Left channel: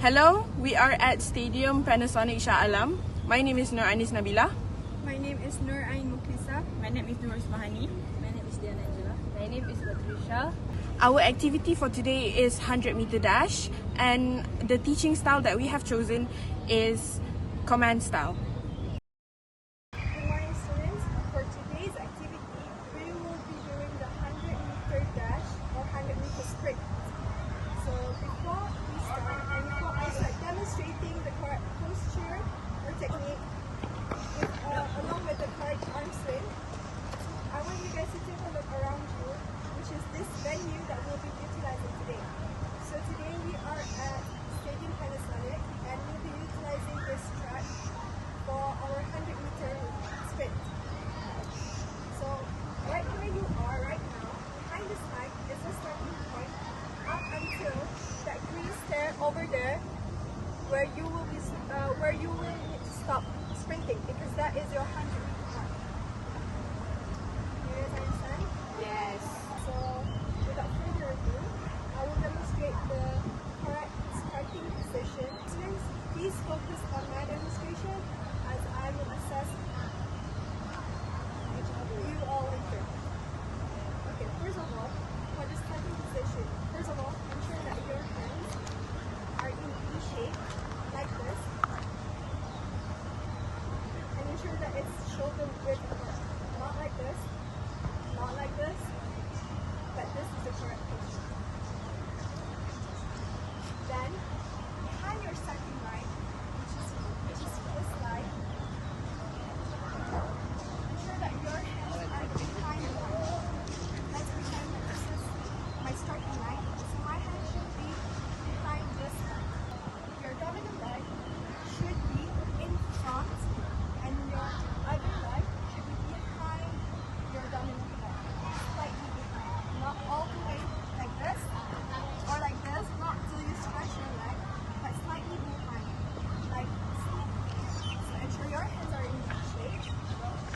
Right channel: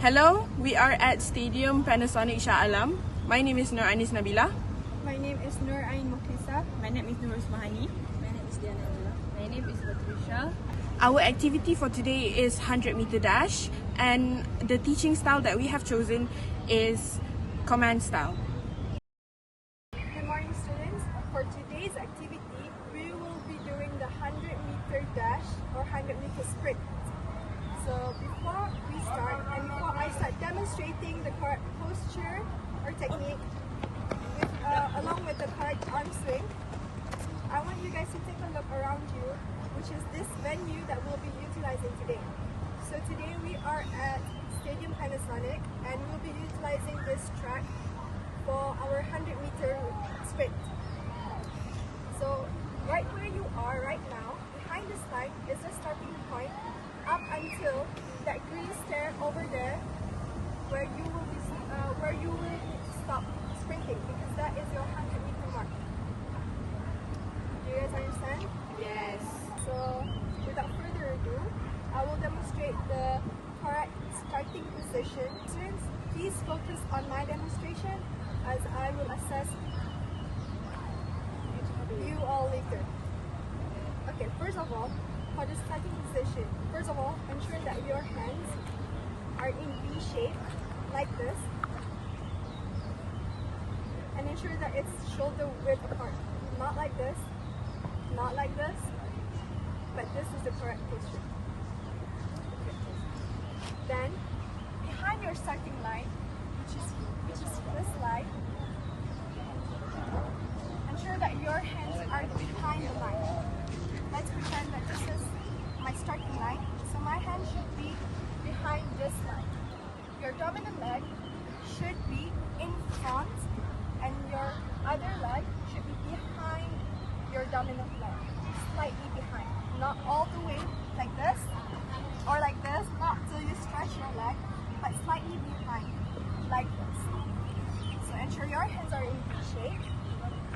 Hello, we are at Stadium Panasonic Shah Alam. My name is Nur Anis Nabila. My name is Nur Ain Mukisa. My name is Ismahani. My name is Angela. My name is Batrisyia. Our activity for today is 100-meter dash, and the teaching style that we have chosen is command style. Good morning, students. For today's activity, we will be doing the 100-meter dash or 100-meter sprint. So before we start and before I start demonstrating the correct posture or technique along with the correct arm swing, I want you guys to take a look around you, which is this venue that we'll be utilizing today. So today we are at Stadium Panasonic and we'll be utilizing this track for our 100-meter sprint. So right where you are right now, behind this line is the starting point up until that green stair over there where you will need to stop sprinting, because that is your 100-meter mark. Do you guys understand? Yes. So without further ado, I will demonstrate the correct starting position. Students, please focus on my demonstration as I will assess you all later. Okay, first of all, for the starting position, first of all, ensure that your hands are in V shape, like this. And ensure that it's shoulder width apart. Not like this, not like this, but this is the correct position. Okay. Then, behind your starting line, which is this line, ensure that your hands are behind the line. Let's pretend that this is my starting line. So my hand should be behind this line. Your dominant leg should be in front and your other leg should be behind your dominant leg. Slightly behind. Not all the way like this or like this, not till you stretch your leg, but slightly behind. Like this. So ensure your hands are in shape.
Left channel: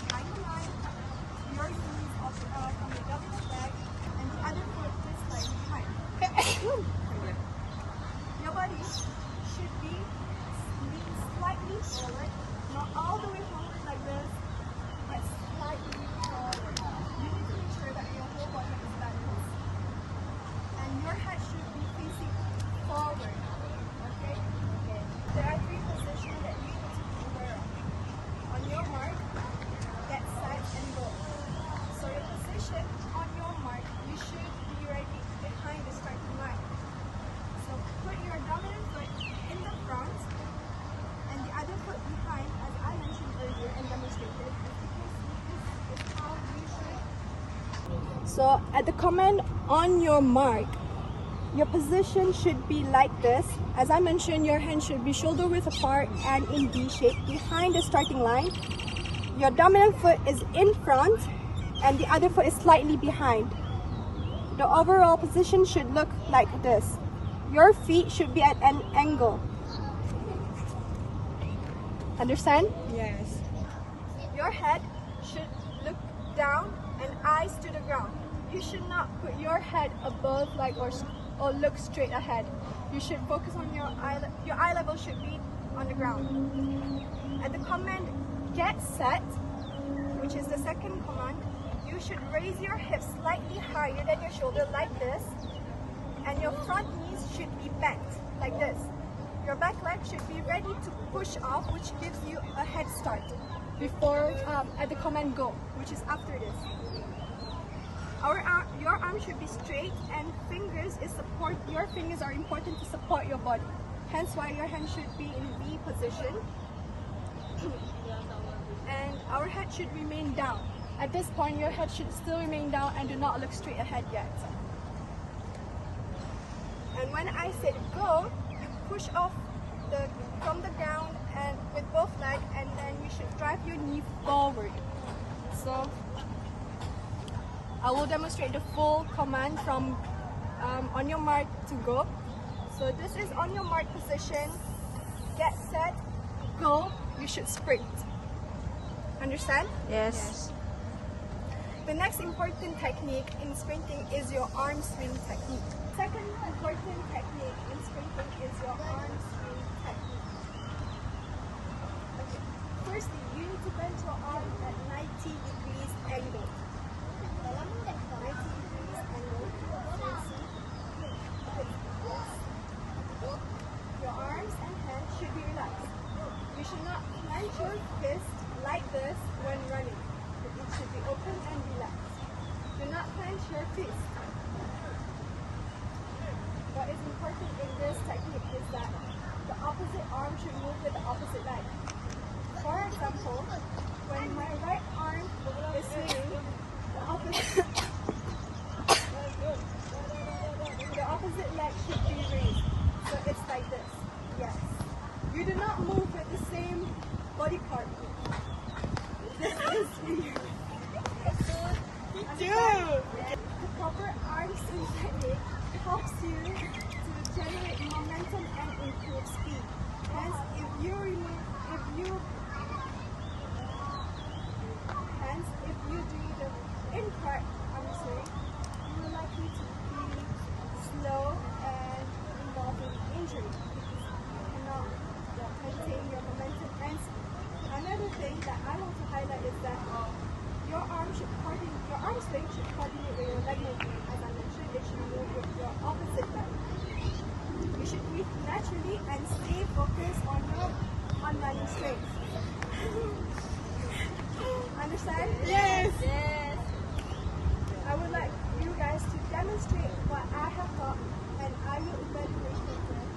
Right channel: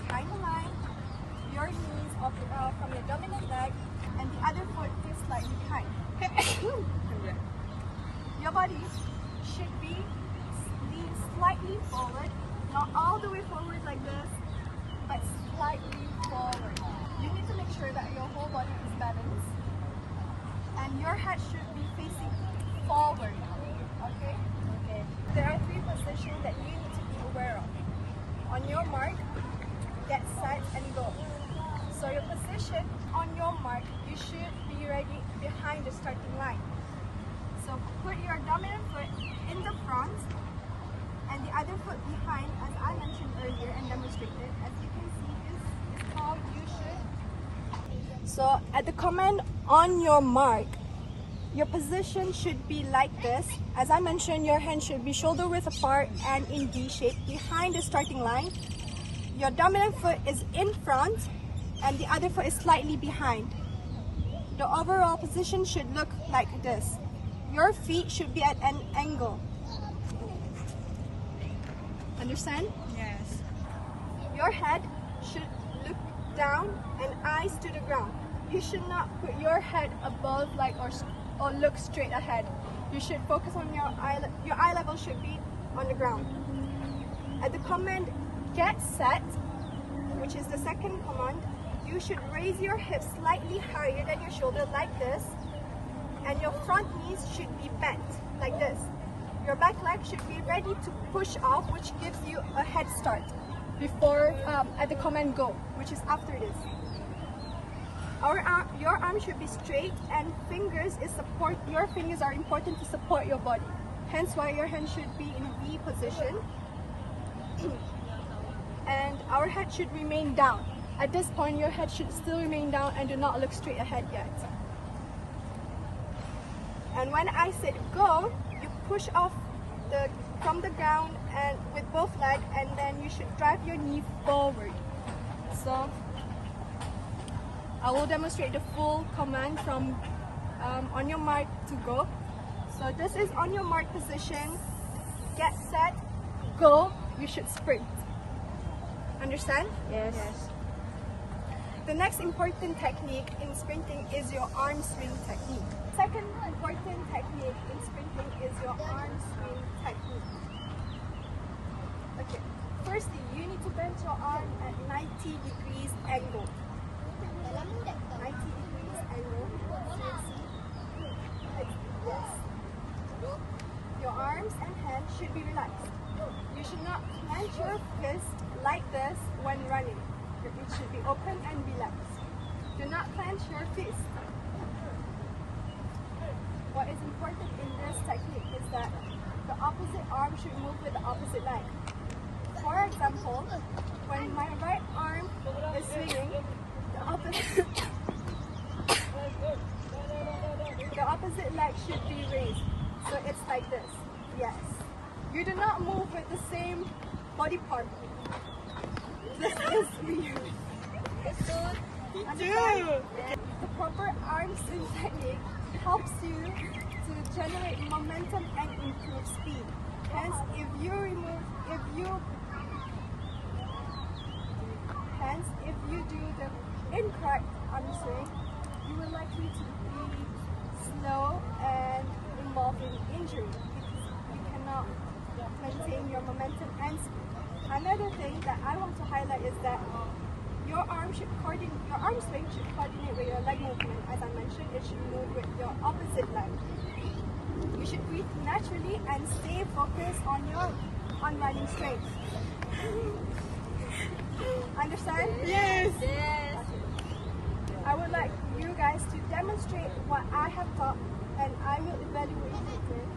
Behind the line. Your knees up from your dominant leg and the other foot is slightly behind. Your body should be lean slightly forward, not all the way forward like this, but slightly forward. You need to make sure that your whole body is balanced and your head should be facing forward. Okay? Okay. There are 3 positions that you need to be aware of. On your mark, get set and go. So your position on your mark, you should be ready behind the starting line. So put your dominant foot in the front and the other foot behind, as I mentioned earlier and demonstrated. As you can see, this is how you should. So at the command on your mark, your position should be like this. As I mentioned, your hands should be shoulder width apart and in V shape behind the starting line. Your dominant foot is in front and the other foot is slightly behind. The overall position should look like this. Your feet should be at an angle. Understand? Yes. Your head should look down and eyes to the ground. You should not put your head above or look straight ahead. You should focus on your eye level should be on the ground. At the command get set, which is the second command, you should raise your hips slightly higher than your shoulder like this, and your front knees should be bent like this. Your back leg should be ready to push off, which gives you a head start before at the command go, which is after this. Your arm should be straight and your fingers are important to support your body. Hence why your hand should be in V position. And our head should remain down. At this point, your head should still remain down and do not look straight ahead yet. And when I said go, you push off from the ground and with both legs, and then you should drive your knee forward. So I will demonstrate the full command from on your mark to go. So this is on your mark position. Get set, go. You should sprint. Understand? Yes. Yes. The next important technique in sprinting is your arm swing technique. Second important technique in sprinting is your arm swing. bend your arm at 90 degrees angle. 90 degrees angle. So you see? Yes. Your arms and hands should be relaxed. You should not clench your fist like this when running. It should be open and relaxed. Do not clench your fist. What is important in this technique is that the opposite arm should move with the opposite leg. For example, when my right arm is swinging, the opposite leg should be raised. So it's like this. Yes. You do not move with the same body part. This is weird. The proper arm swing technique helps you to generate momentum and improve speed. Hence, if you do the incorrect arm swing, you will likely to be slow and involved in injury because you cannot maintain your momentum and speed. Another thing that I want to highlight is that your arm swing should coordinate with your leg movement. As I mentioned, it should move with your opposite leg. You should breathe naturally and stay focused on running straight. Understand? Yes. Yes. I would like you guys to demonstrate what I have taught, and I will evaluate it with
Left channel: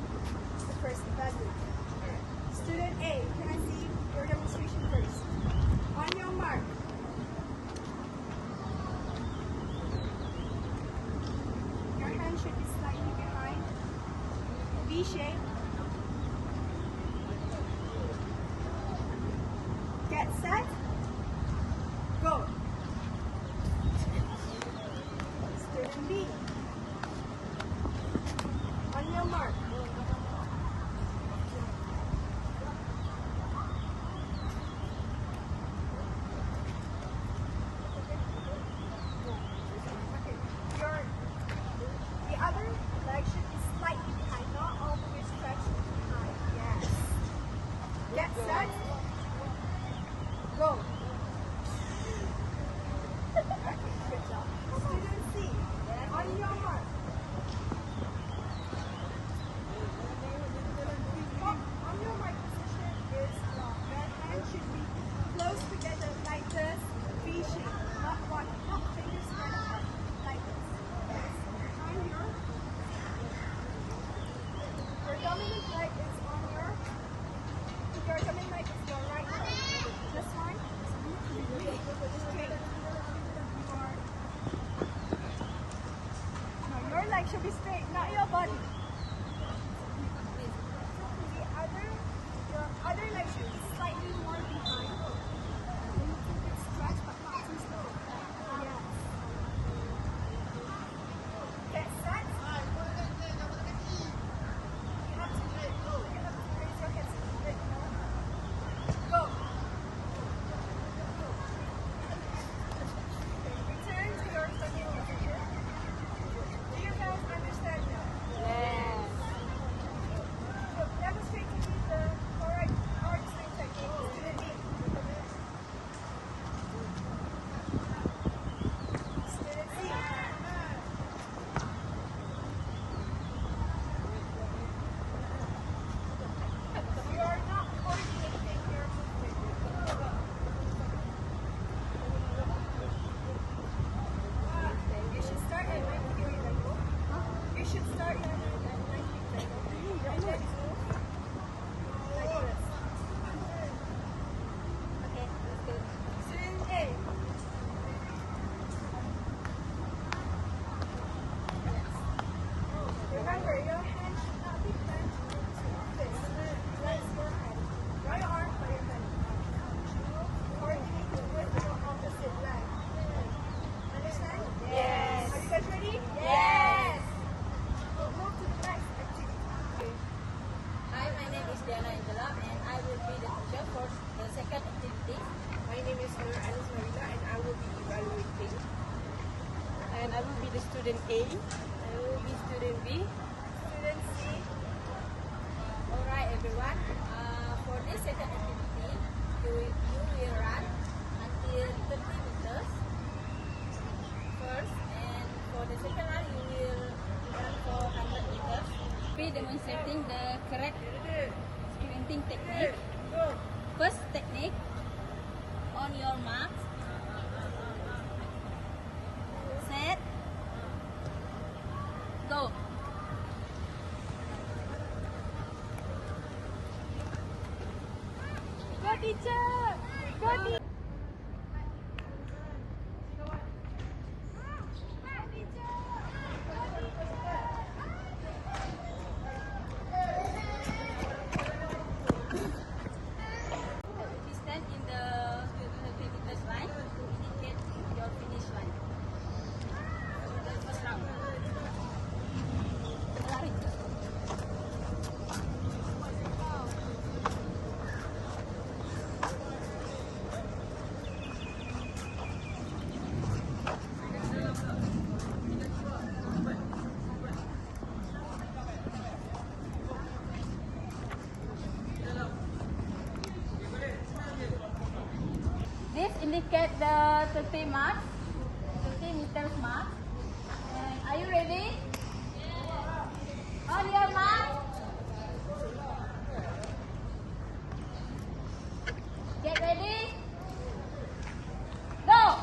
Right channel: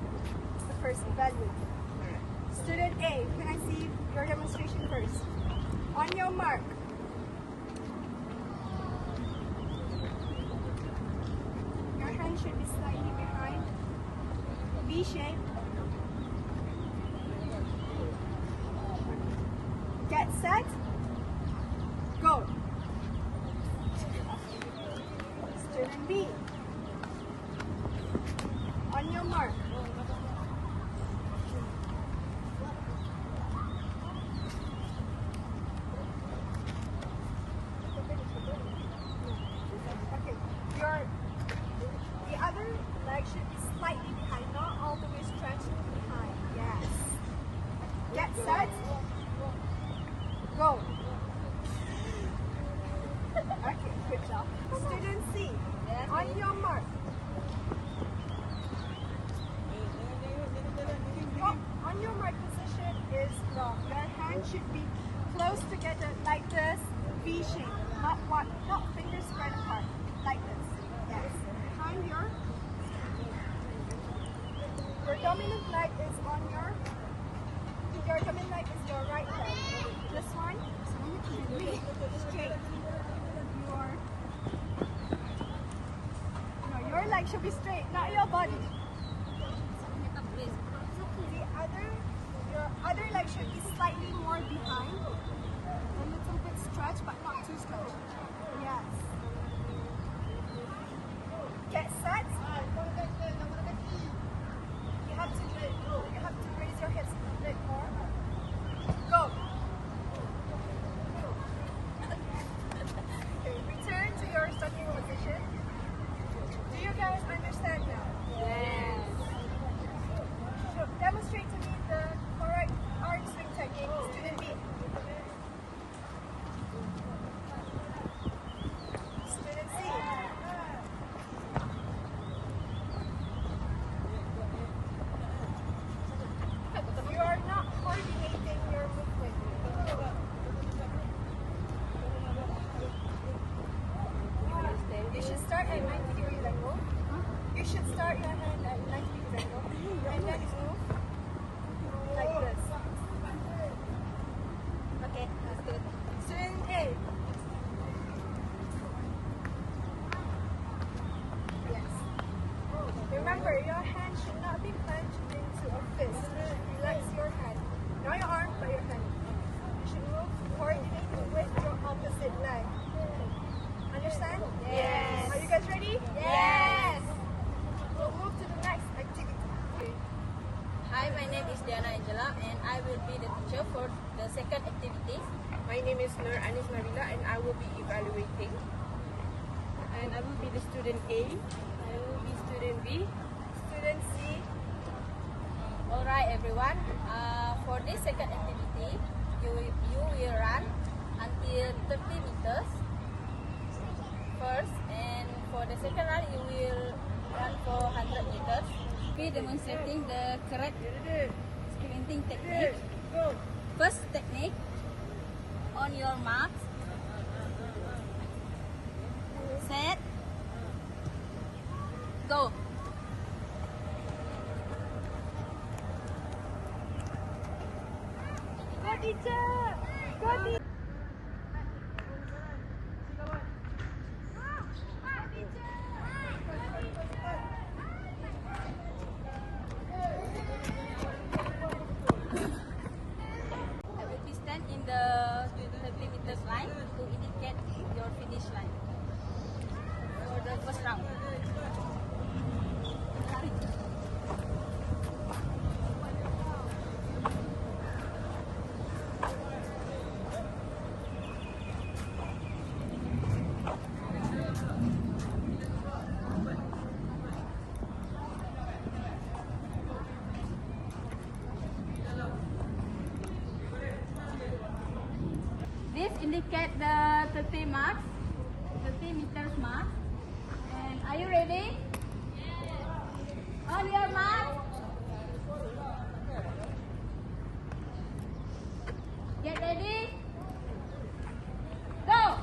the first evaluator. Student A, can I see your demonstration first? On your mark. Your hand should be slightly behind. V shape. Get set. Go. Student B. On your mark. Okay. The other leg should be slightly behind, not all the way stretched behind. Yes. Get set. Go. Okay, good job. Student C. Yes. On your mark. On your mark, position is wrong. Your hand should be close together like this, V shape, not fingers spread apart, like this. Yes. Behind your dominant leg is on your dominant leg is your right leg. This one straight. Your leg should be straight, not your body. Your other leg should be slightly more behind. A little bit stretched, but not too stretched. Yes. Get set. You have to raise your hips a bit more. Go. Okay, return to your standing position. Do you guys understand now? Yes. So demonstrate to me the correct arm swing technique. Student B. Student C. You are not coordinating your movement. You should start at 90 degrees angle. You should start your hand at 90 degrees angle. And then move like this. Okay, that's good. Student A. Yes. Remember, your hand should not be clenched into a fist. Raise your hand. Not your arm, but your hand. You should move coordinating with your opposite leg. Understand? Yes. Are you guys ready? Yes. We'll move to the next activity. Hi, my name is Diana Angela, and I will be the teacher for the second activity. My name is Ismahani, and I will be evaluating. And I will be the student A. I will be student B. Student C. Alright, everyone. For this second activity, you will will run until 30 meters first, and for the second run you will run for 100 meters. Be demonstrating the correct sprinting technique. First technique, on your mark, set, go. Go teacher! Go teacher! I will be stand in the 30 meters line to indicate your finish line for the first round. This indicates the 30 mark, 30 meters mark. And are you ready? Yes. On your mark. Get ready. Go.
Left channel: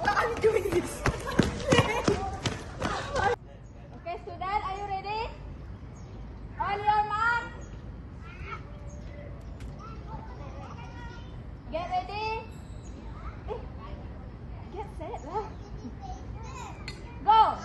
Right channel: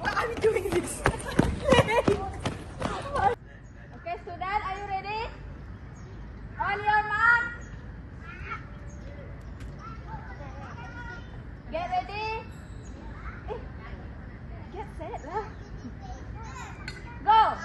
Why are you doing this? Okay, student, are you ready? On your mark. Get ready. Get set lah. Go.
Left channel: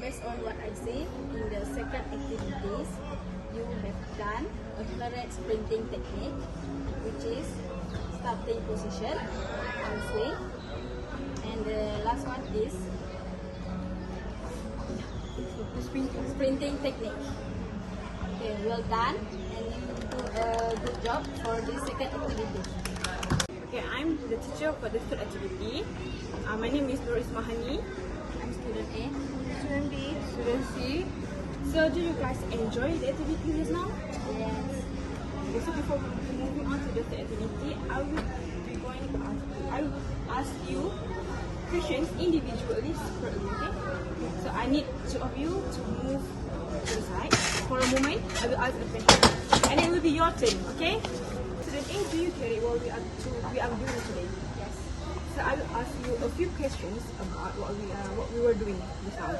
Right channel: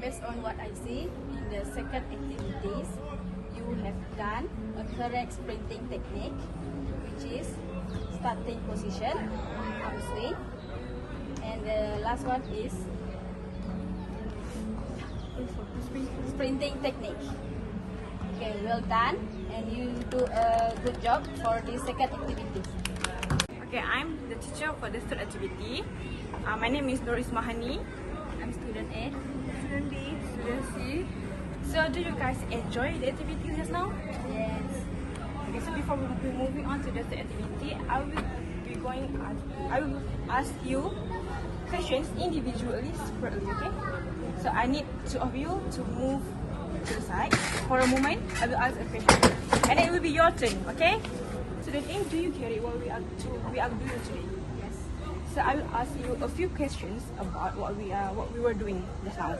Based on what I see in the second activities, you have done a correct sprinting technique, which is starting position, outswing, and the last one is sprinting technique. Okay, well done, and you do a good job for the second activity. Okay, I'm the teacher for the third activity. My name is Ismahani. I'm student A. Student B. Student C. So, do you guys enjoy the activity just now? Yes. Okay, so before we moving on to the third activity, I will ask you questions individually separately. Okay? So I need two of you to move to the side. For a moment, I will ask a question, and then it will be your turn. Okay? Student A, do you get it what we are doing today? Yes. So I will ask you a few questions about what we were doing just now.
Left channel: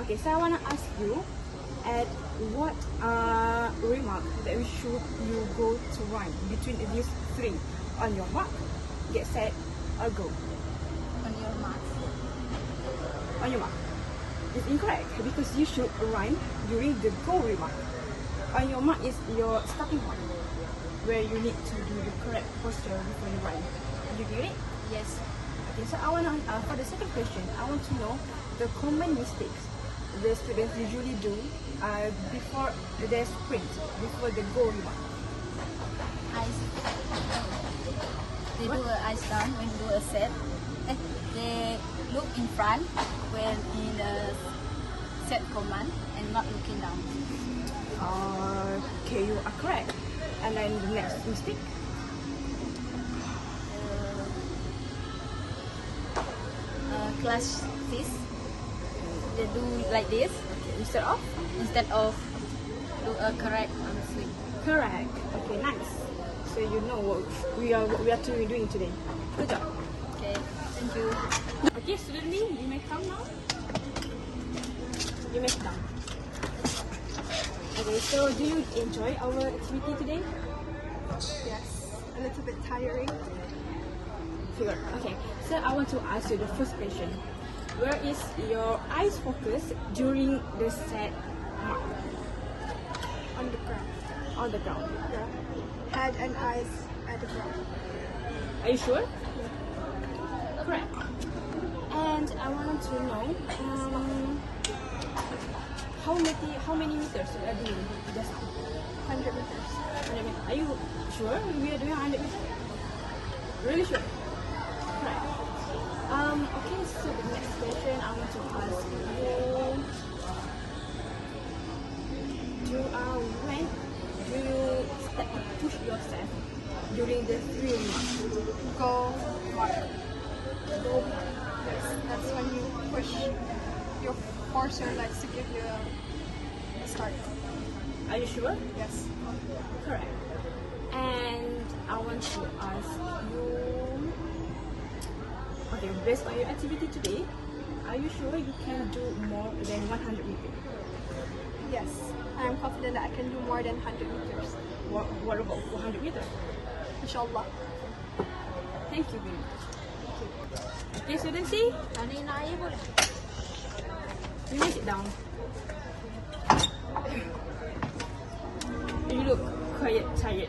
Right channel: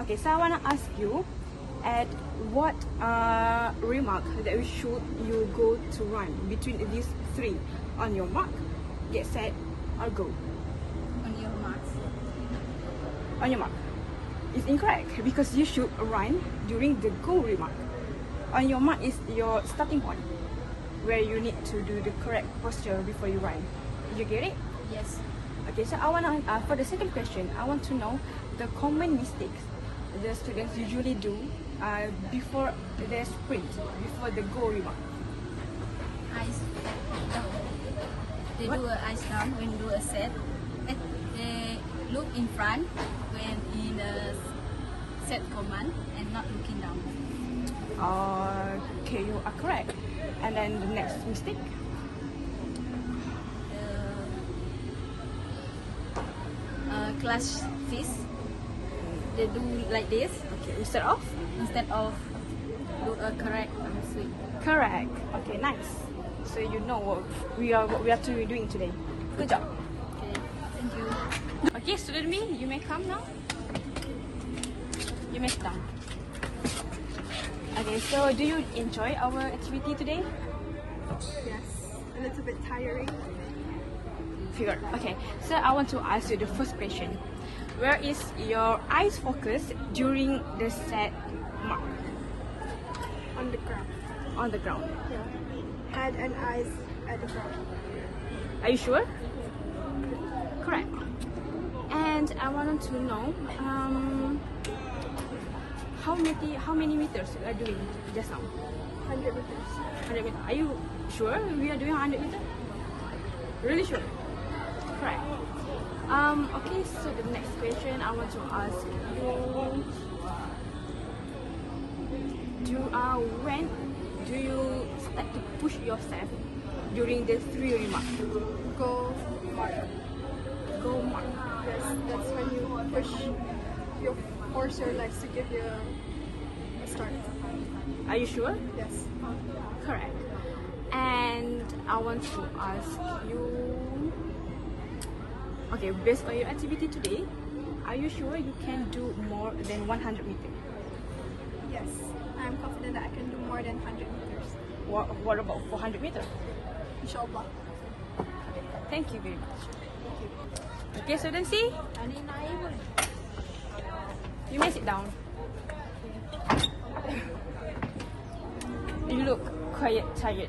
Okay, so I wanna ask you at what remark that we should you go to run between these three. On your mark, get set, or go. On your mark. On your mark. It's incorrect because you should run during the go remark. On your mark is your starting point, where you need to do the correct posture before you run. Did you get it? Yes. Okay, so I want to for the second question, I want to know the common mistakes the students usually do before their sprint, before the go remark. Ice. They do an ice down when do a set. They look in front when in the set command and not looking down. Okay, you are correct. And then the next mistake. Class this. They do like this Instead of? do a correct on the swing. Correct. Okay, nice. So you know what we are doing today. Good job. Okay, thank you. Okay, student me, you may come now. You may sit down. Okay, so do you enjoy our activity today? Yes. A little bit tiring. Sure. Okay, so I want to ask you the first question. Where is your eyes focus during the set mark? on the ground. On the ground. Yeah. Head and eyes at the ground. Are you sure? Correct. And I wanted to know how many meters you are doing just now? 100 meters. 100 meters. Are you sure we are doing 100 meters? Really sure? Correct. Okay, so the next question I want to ask you, when do you start to push yourself during the 3 remarks? Go more. Go more. Yes, that's when you push your force your legs to give you a start. Are you sure? Yes. Correct. And I want to ask you, okay, based on your activity today, are you sure you can do more than 100 meters? Yes. I'm confident that I can do more than 100 meters. What about 400 meters? Inshallah. Thank you very much. Okay, so then see, you may sit down. You look quite tired,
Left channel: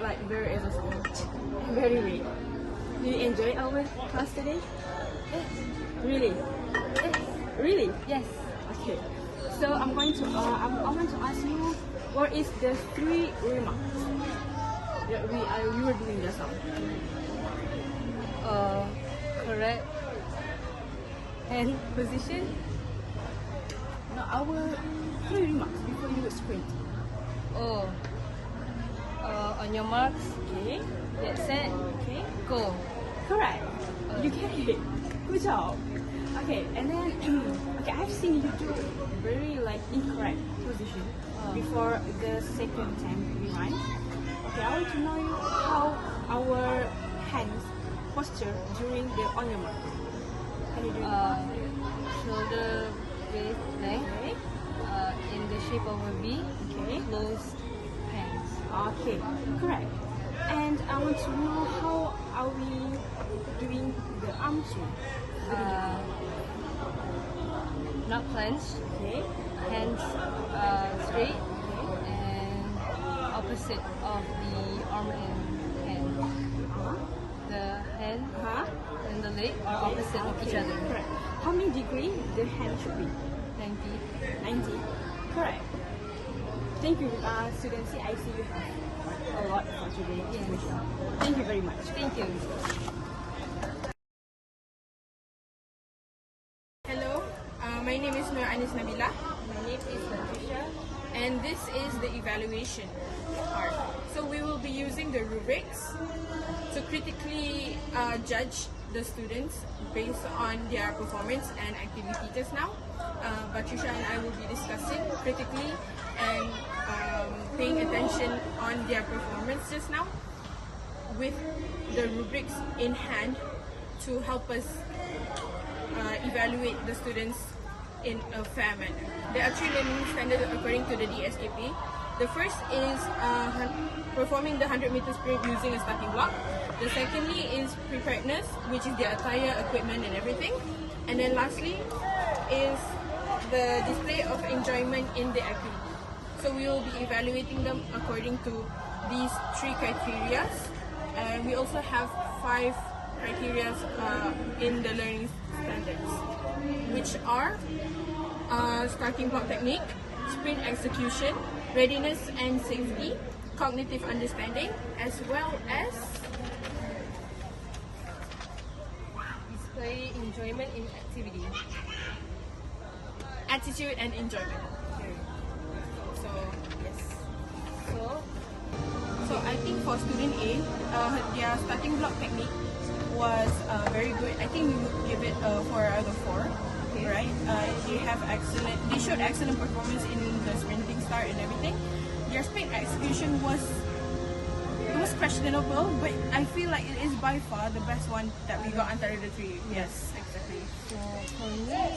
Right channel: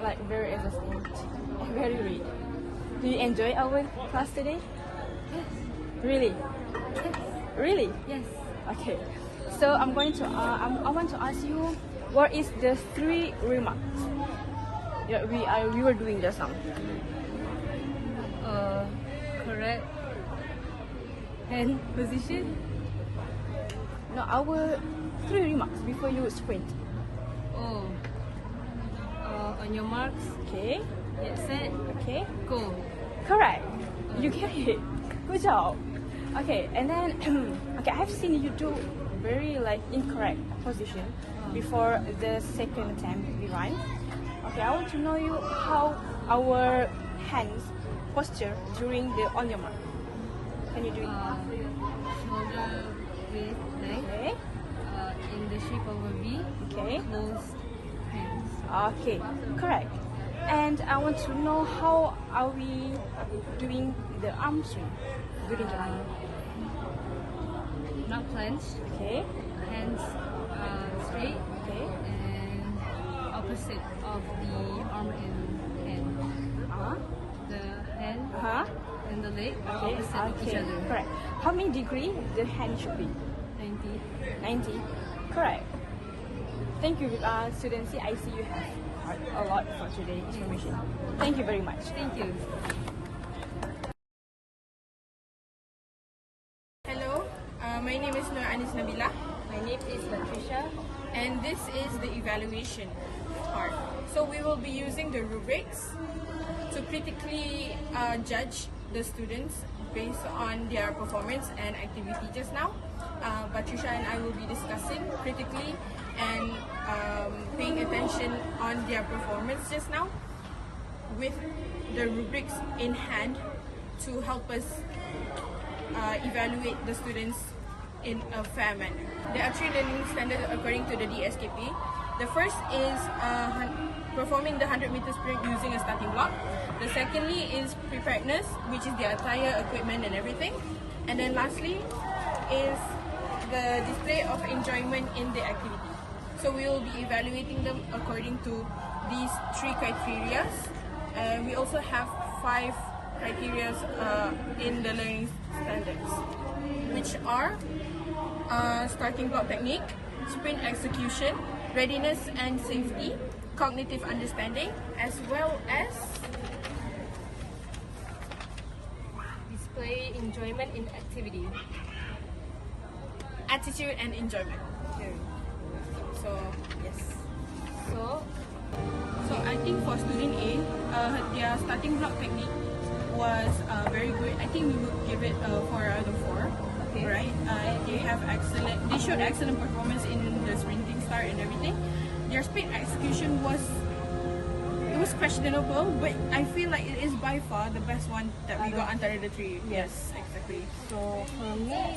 like very exhausting and very weak. Do you enjoy our class today? Yes. Really? Yes. Really? Yes. Okay. So I want to ask you, what is the 3 remarks that we were doing just now? Correct hand position. No, our 3 remarks before you sprint. Oh. On your marks, Okay. get set, Okay. go. Correct. You get it. Good job. Okay, and then okay, I've seen you do very incorrect position before the second time we run. Okay, I want to know you how our hands posture during the on your mark. Can you do it? Shoulder with length, Okay. in the shape of a V, Okay. closed hands. Okay, correct. And I want to know how are we doing the arm swing? Not clenched, Okay. hands straight, Okay. and opposite of the arm and hand. Uh-huh. The hand Huh? and the leg are opposite of each Okay, other. correct. How many degree the hand should be? 90. 90. Correct. Thank you, students. I see you have a lot for today. Thank you very much. Thank you. Hello, my name is Nur Anis Nabila, My name is Batrisyia. and this is the evaluation part. So we will be using the rubrics to critically judge the students based on their performance and activity just now. Batrisyia and I will be discussing critically and paying attention on their performance just now with the rubrics in hand to help us evaluate the students in a fair manner. There are 3 learning standards according to the Dtspe. The first is performing the 100 meter sprint using a starting block. The secondly is preparedness, which is their attire, equipment and everything. And then lastly is the display of enjoyment in the activity. So we will be evaluating them according to these 3 criteria. And we also have 5 criteria in the learning standards, which are starting block technique, sprint execution, readiness and safety, cognitive understanding, as well as Display enjoyment in activity. attitude and enjoyment. So yes. So I think for student A, their starting block technique was very good. I think we would give it 4 out of 4. Okay. Right? They showed excellent performance in the sprinting start and everything. Their sprint execution was questionable, but I feel like it is by far the best one that we got under the 3. Yes, exactly. So for me,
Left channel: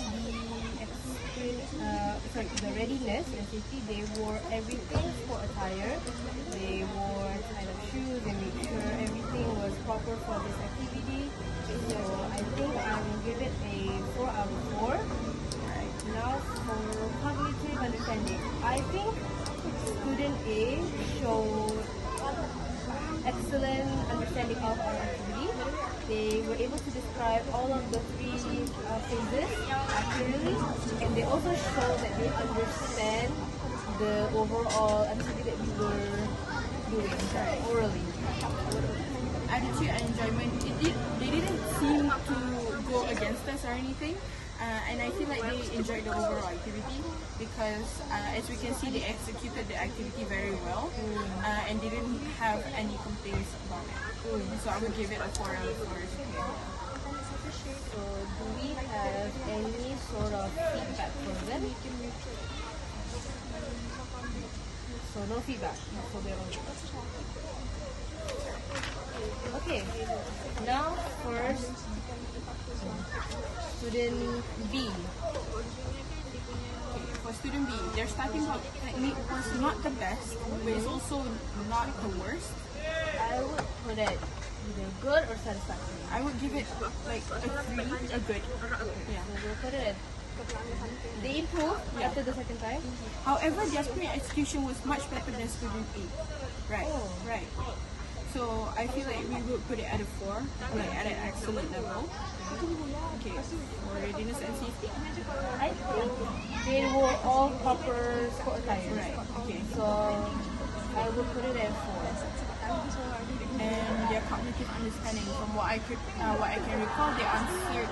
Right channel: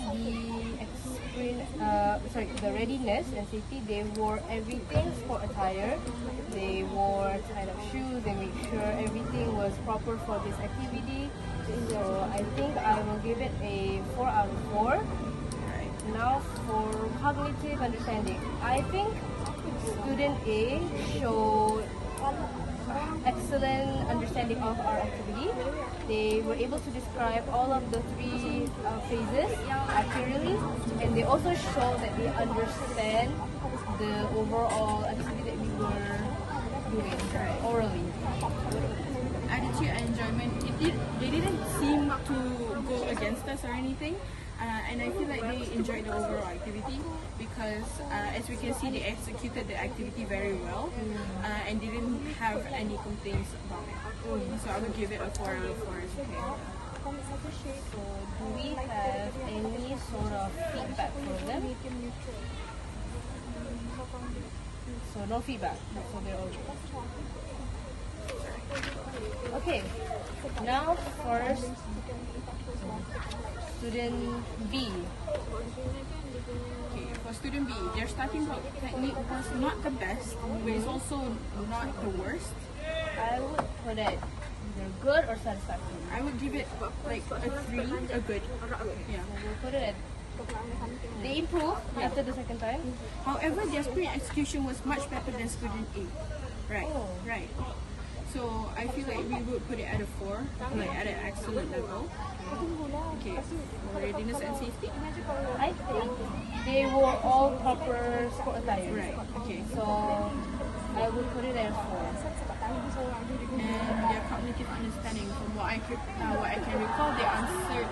the readiness and safety, they wore everything for attire. They wore kind of shoes. They made sure everything was proper for this activity. So I think I will give it a 4 out of 4. Now for cognitive understanding, I think student A showed excellent understanding of our activity. They were able to describe all of the three phases accurately, and they also showed that they understand the overall activity that we were doing orally. Attitude and enjoyment, they didn't seem to go against us or anything, and I feel like they enjoyed the overall activity because as we can see, they executed the activity very well and didn't have any complaints about it. So I would give it a 4 out of 4. So do we have any sort of feedback for them? So no feedback, so they're all good. Okay, now first student B. Okay, for student B, their starting block technique was not the best, but it's also not the worst. I would put it either good or satisfactory. I would give it like a 3, a good. Yeah. So we'll put it at. They improved after the second time. However, their sprint execution was much better than student A. Right. Oh. Right. So I feel like we would put it at a 4, like at an excellent level. Okay. For readiness and safety. I think they were all proper sport attire. Right. Okay. So I would put it at 4. And their cognitive understanding, from what I can recall, they answered.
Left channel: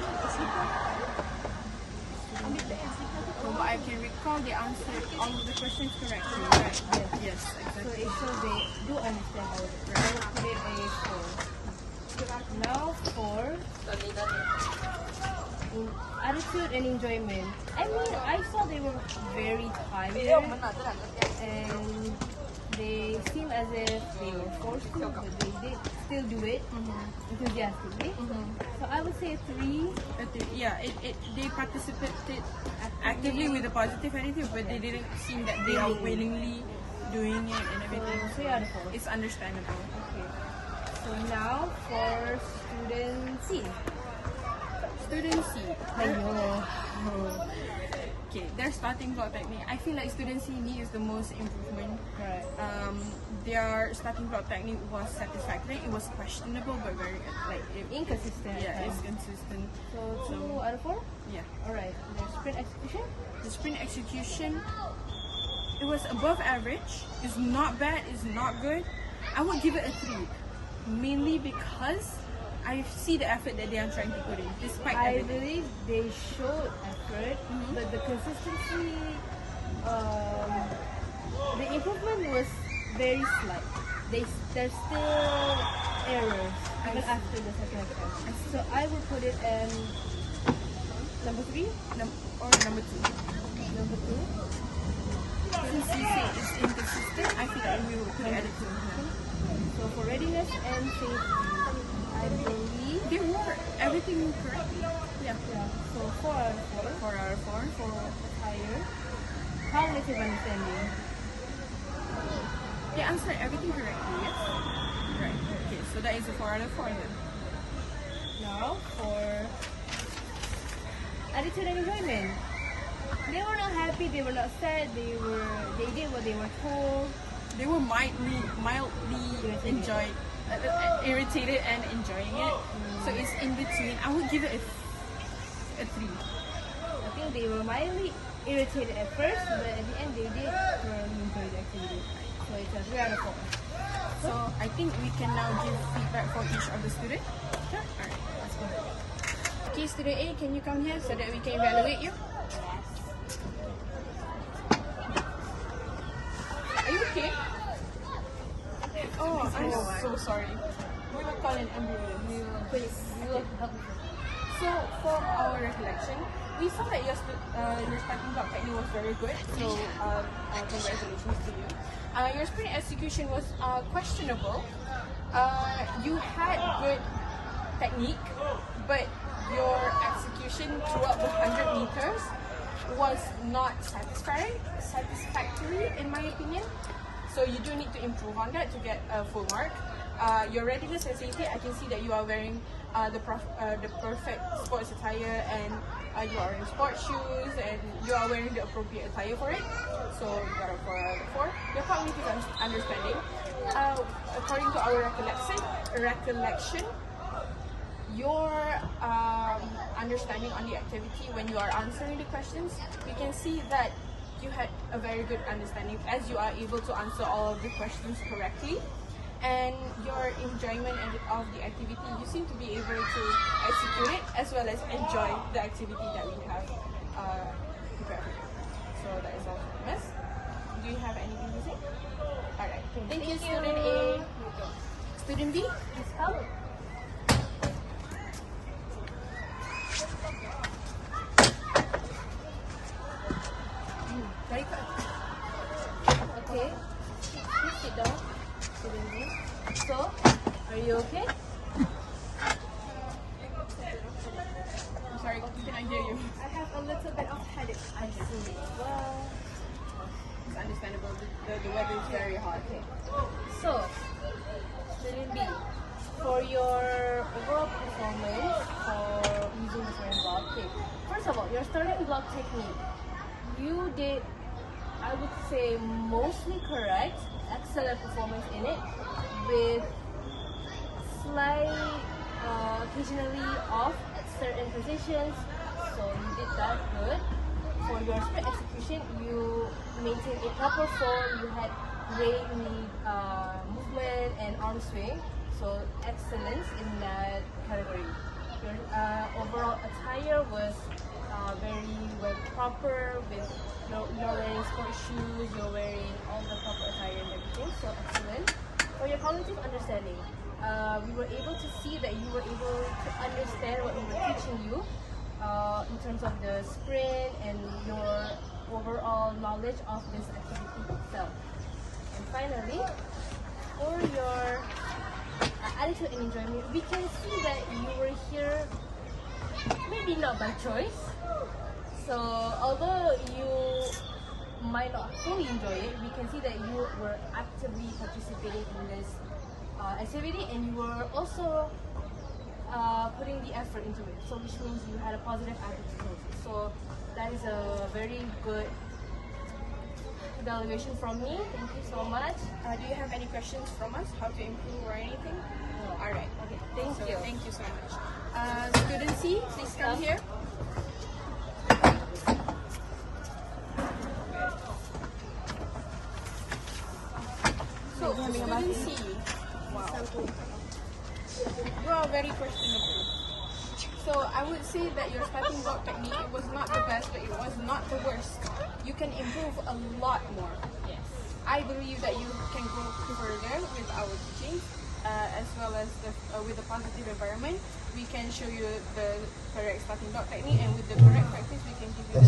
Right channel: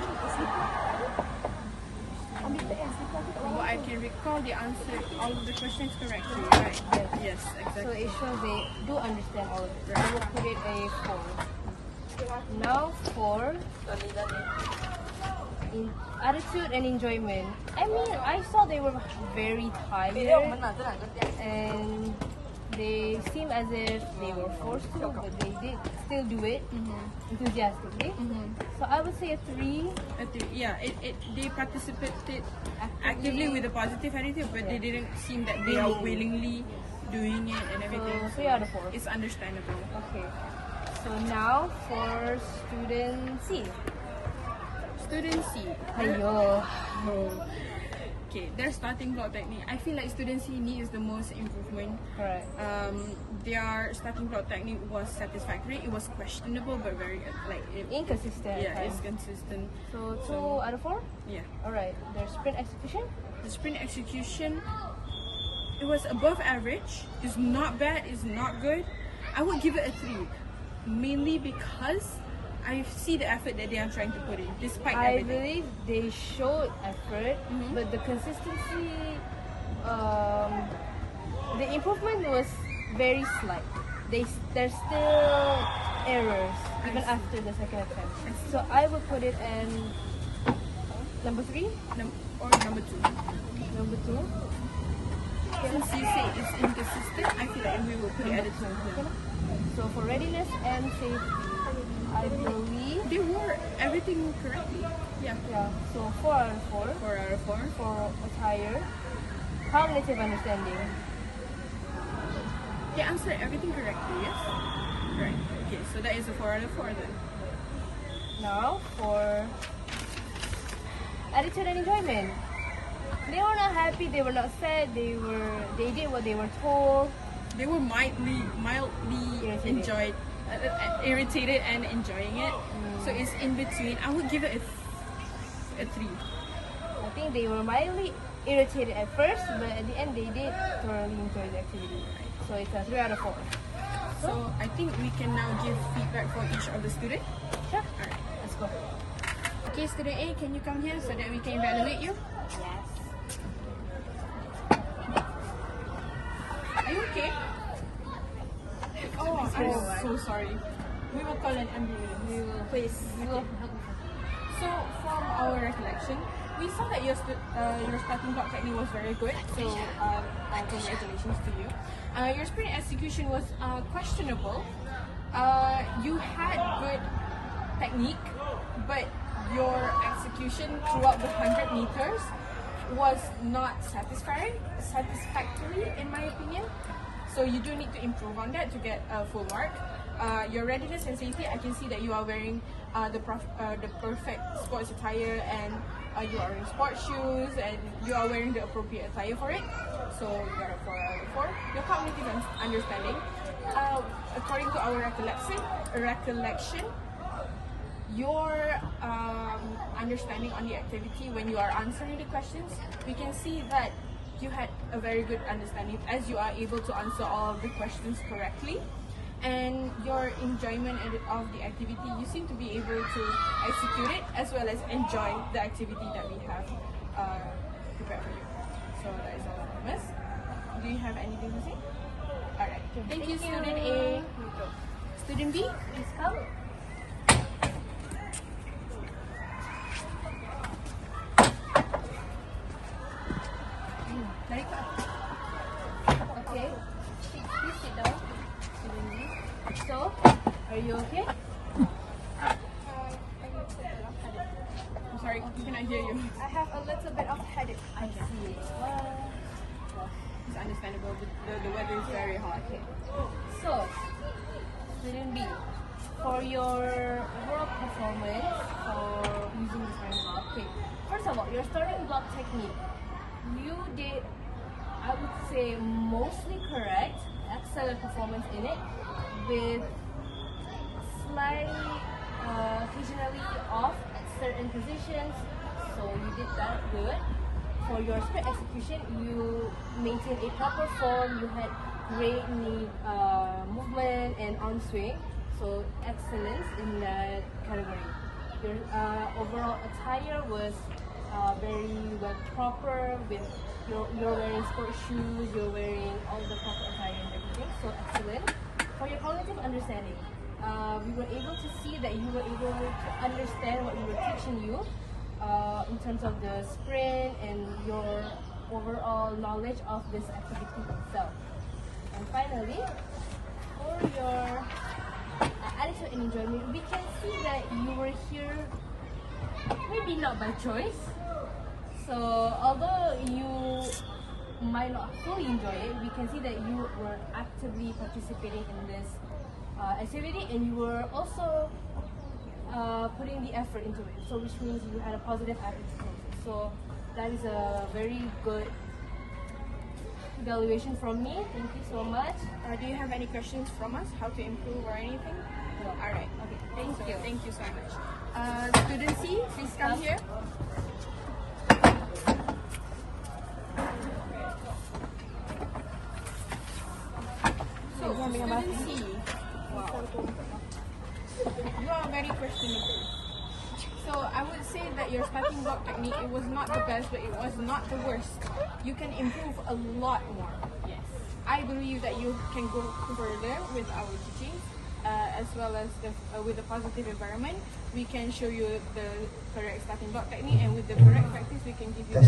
From what I can recall, they answered all of the questions correctly. Right. Yes. So Exactly. it shows they do understand all of it. I would put it a 4. Now for in attitude and enjoyment. I mean, I saw they were very tired and they seem as if they were forced to, but they did still do it enthusiastically. So I would say a 3. Yeah, they participated actively with a positive attitude, but they didn't seem that they are willingly doing it and everything. So 3 out of 4. It's understandable. Okay. So now for student C. Student C. Ayo. Okay, their starting block technique. I feel like student C needs the most improvement. Correct. Their starting block technique was satisfactory. It was questionable, but very Inconsistent. yeah, at it's times. consistent. So 2 out of 4? Yeah. Alright. Their sprint execution? The sprint execution, it was above average. It's not bad. It's not good. I would give it a 3, mainly because I see the effort that they are trying to put in, despite I everything. believe they showed effort, but the consistency, the improvement was very slight. There's still errors even after the second attempt. So I would put it in number 3, Or number 2. number 2. Since you say it's inconsistent, I feel like we will put it at a 2. Yeah. So for readiness and safety, I believe They wore everything correctly. Yeah. so 4 out of 4 4 out of 4. for attire, cognitive understanding. They answered everything correctly, yes? Right. Okay, so that is a 4 out of 4 then. Now for attitude and enjoyment. They were not happy, they were not sad, they did what they were told. They were mildly Irritated. irritated and enjoying it. So it's in between. I would give it a 3. I think they were mildly irritated at first, but at the end they did thoroughly enjoy the activity. So it's a 3 out of 4. So I think we can now give feedback for each of the students. Sure. Alright. Let's go. Okay, student A, can you come here so that we can evaluate you? Are you okay? Oh, I'm so sorry. We will call an ambulance. We will help you. So, from our recollection, we saw that your starting block technique was very good. So, congratulations to you. Your sprint execution was questionable. You had good technique, but your execution throughout the 100 meters was not satisfactory in my opinion. So you do need to improve on that to get a full mark. Your readiness and safety, I can see that you are wearing the perfect sports attire and you are wearing sports shoes and you are wearing the appropriate attire for it. So we got a 4 out of 4. Your cognitive understanding. According to our recollection, your understanding on the activity when you are answering the questions, we can see that you had a very good understanding as you are able to answer all of the questions correctly. And your enjoyment of the activity, you seem to be able to execute it as well as enjoy the activity that we have prepared for you. So that is all from us. Do you have anything to say? Alright, thank you, student A. Student B, please come. Very good. Okay, please sit down. So, are you okay? I'm sorry, we cannot hear you. I have a little bit of headache. I see. It's understandable. The weather is very hot. So, student B, for your overall performance for using the starting block, okay. First of all, your starting block technique, you did, I would say, mostly correct. Excellent performance in it, with slight occasionally off at certain positions. So you did that good. For your sprint execution, you maintained a proper form. You had great movement and arm swing. So excellence in that category. Your overall attire was very well proper. With you're wearing sports shoes. You're wearing all the proper attire and everything. So excellent. For your cognitive understanding, we were able to see that you were able to understand what we were teaching you. In terms of the sprint and your overall knowledge of this activity itself. And finally, for your attitude enjoyment, we can see that you were here maybe not by choice. So although you might not fully enjoy it, we can see that you were actively participating in this activity, and you were also putting the effort into it, so which means you had a positive attitude towards it. So that is a very good evaluation from me. Thank you so much. Do you have any questions from us? How to improve or anything? No. Alright. Okay, thank you. Thank you so much. Student C, please come here. So, student C, you are very first in the group. So I would say that your starting block technique, it was not the best, but it was not the worst. You can improve a lot more. I believe that you can go further with our teachings, as well as with a positive environment. We can show you the correct starting block technique, and with the correct practice, we can give you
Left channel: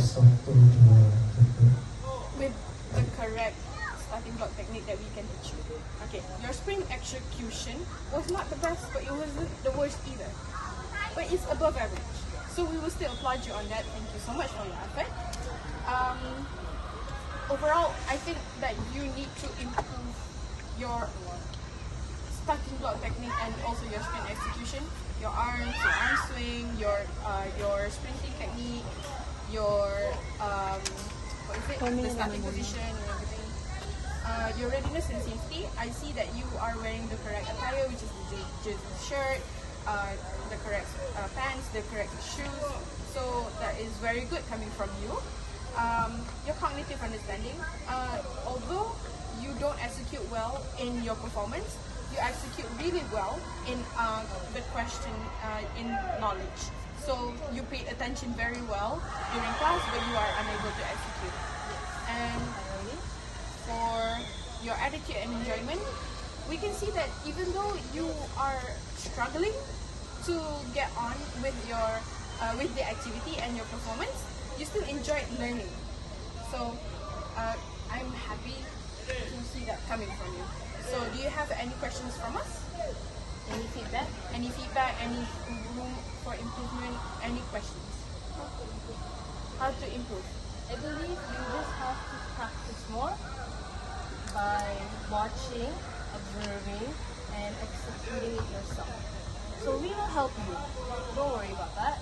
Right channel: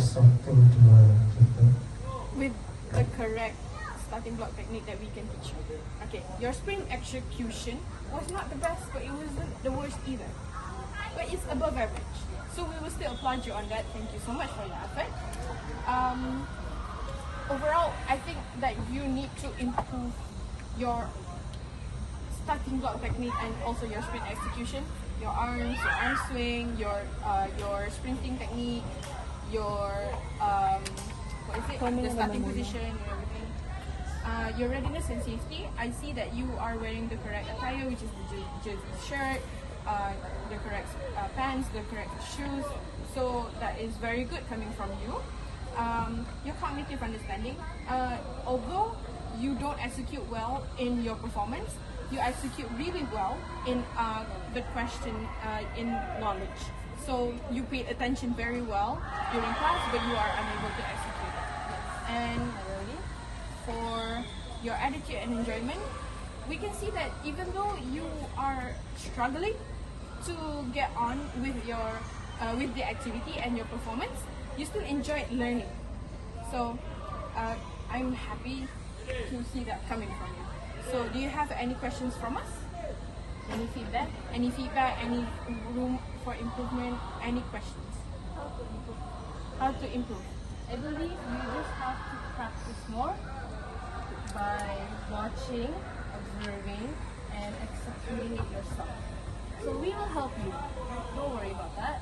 with the correct starting block technique that we can teach you. Okay, your sprint execution was not the best, but it wasn't the worst either. But it's above average. So we will still applaud you on that. Thank you so much for your effort. Overall, I think that you need to improve your starting block technique and also your sprint execution, your arms, your arm swing, your sprinting technique, your the starting position and everything. Your readiness and safety. I see that you are wearing the correct attire, which is the jersey shirt, the correct pants, the correct shoes. So that is very good coming from you. Your cognitive understanding. Although you don't execute well in your performance, you execute really well in the question in knowledge. So you paid attention very well during class, but you are unable to execute. And for your attitude and enjoyment, we can see that even though you are struggling to get on with your with the activity and your performance, you still enjoy learning. So I'm happy to see that coming from you. So do you have any questions from us? Any feedback? Any feedback? Any room for improvement? Any questions? How to improve? I believe you just have to practice more by watching, observing, and executing it yourself. So we will help you. Don't worry about that.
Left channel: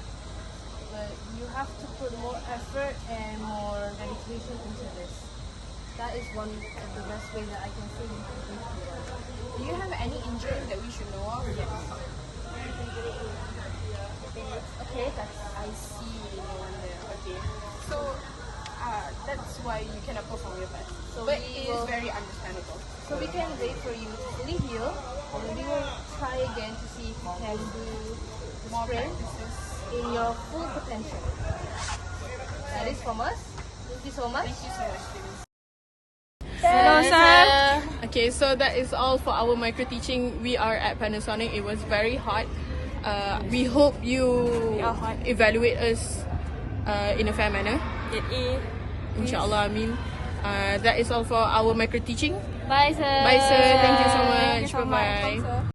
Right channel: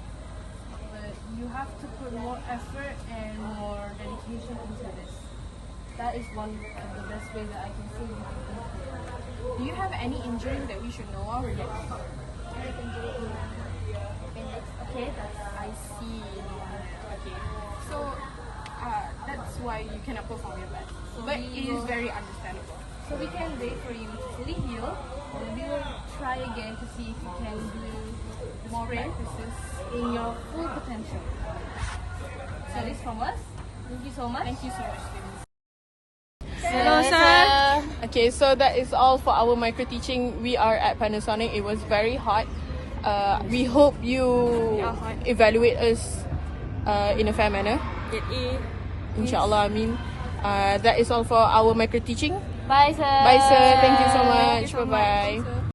But you have to put more effort and more dedication into this. that is one of the best ways that I can say you can improve. Do you have any injury that we should know of? Yes. Okay, I see one there. Okay. So that's why you cannot perform your best. So but we it is will- very understandable. So we can wait for you to fully heal, and we will try again to see if we can do more practices in your full potential. That is from us. Thank you so much. Thank you so much, students. Hello, sir. Okay, so that is all for our micro teaching. We are at Panasonic. It was very hot. We hope you evaluate us in a fair manner. Inshallah, Amin. That is all for our micro teaching. Bye, sir. Bye, sir. Thank you so Thank much. you so Bye bye. much.